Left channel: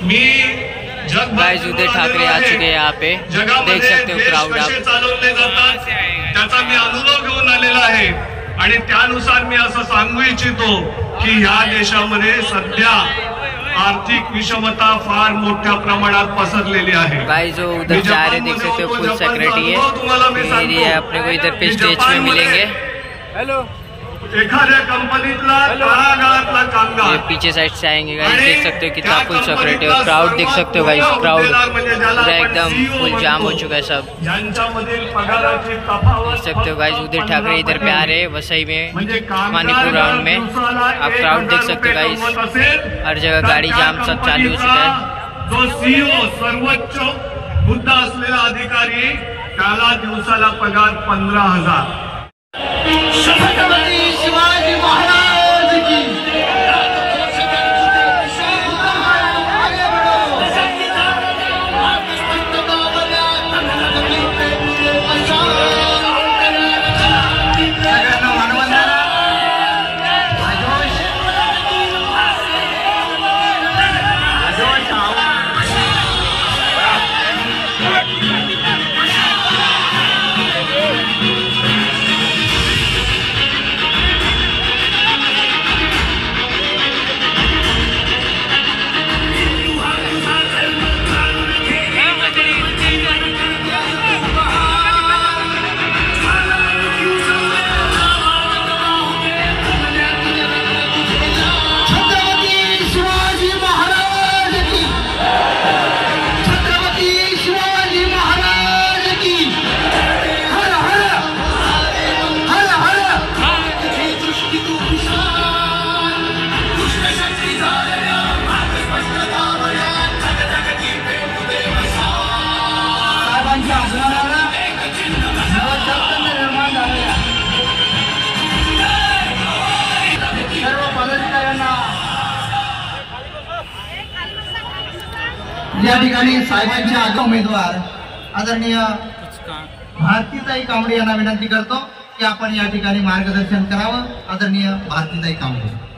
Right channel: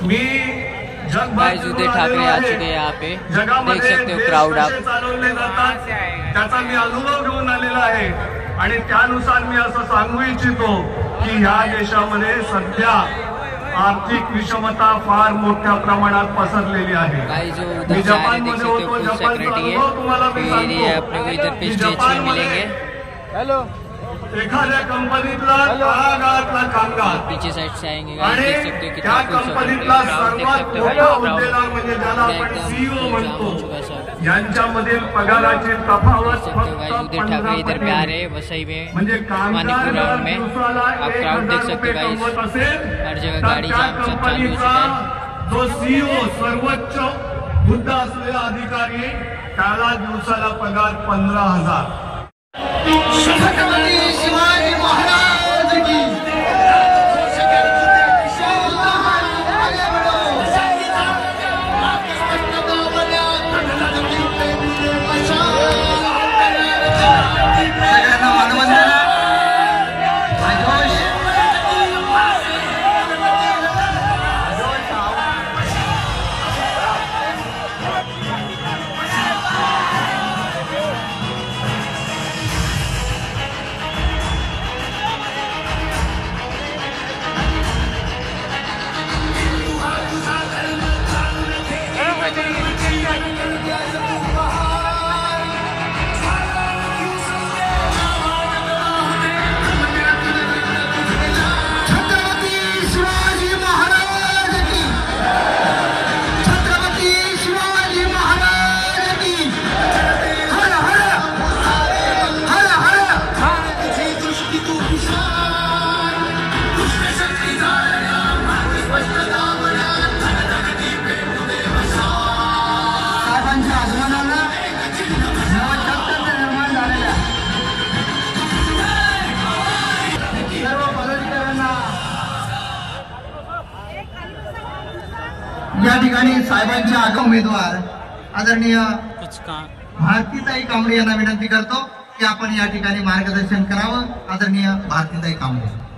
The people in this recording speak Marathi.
गाइस उदय ठाकरे आ चुके हैं यहाँ पे, देख सकते हो क्राउड आप। त्याचा मी अनुभव घेऊन आलेला आहे आणि त्यानुसार मी असं सांगू इच्छितो की या देशामध्ये सध्या आर्थिक विषमता फार मोठ्या प्रमाणात पसरलेली आहे। गाइस जो उधर जा रहे देख सकते हो फुल सिक्योरिटी है, फिर ये अपने को इधर पे स्टेज पे मिलेंगे। हेलो एखाद्या कंपनीतला काळागाळातला कामगार ये पीछे साइड से आएंगे गाइस, देख सकते हो कितना फुल सिक्योरिटी है। क्राउड देख सकते हो गाइस, क्राउड पूरा एकदम फुल जाम हो चुका है सब। ज्यांच्यामधील पगाराची तफावत देख सकते हो गाइस उदय ठाकरे इधर पे आ रहे हैं वसई में मानीपुर राउंड में। आप क्राउड देख सकते हो गाइस, हर जगह गाड़ी जाम सब चालू हो चुका है। जो सीईओ सर्वोच्च हुद्दा असलेला अधिकारी त्याला दिवसाला पगार 15,000। छत्रपती शिवाजी महाराज की सगळ्यांना मानवंदना। या ठिकाणी साहेबांचे आगम उमेदवार आदरणीय भारतीताई कांबळे यांना विनंती करतो की आपण या ठिकाणी मार्गदर्शन करावं। आदरणीय भारतीताई कांबळे।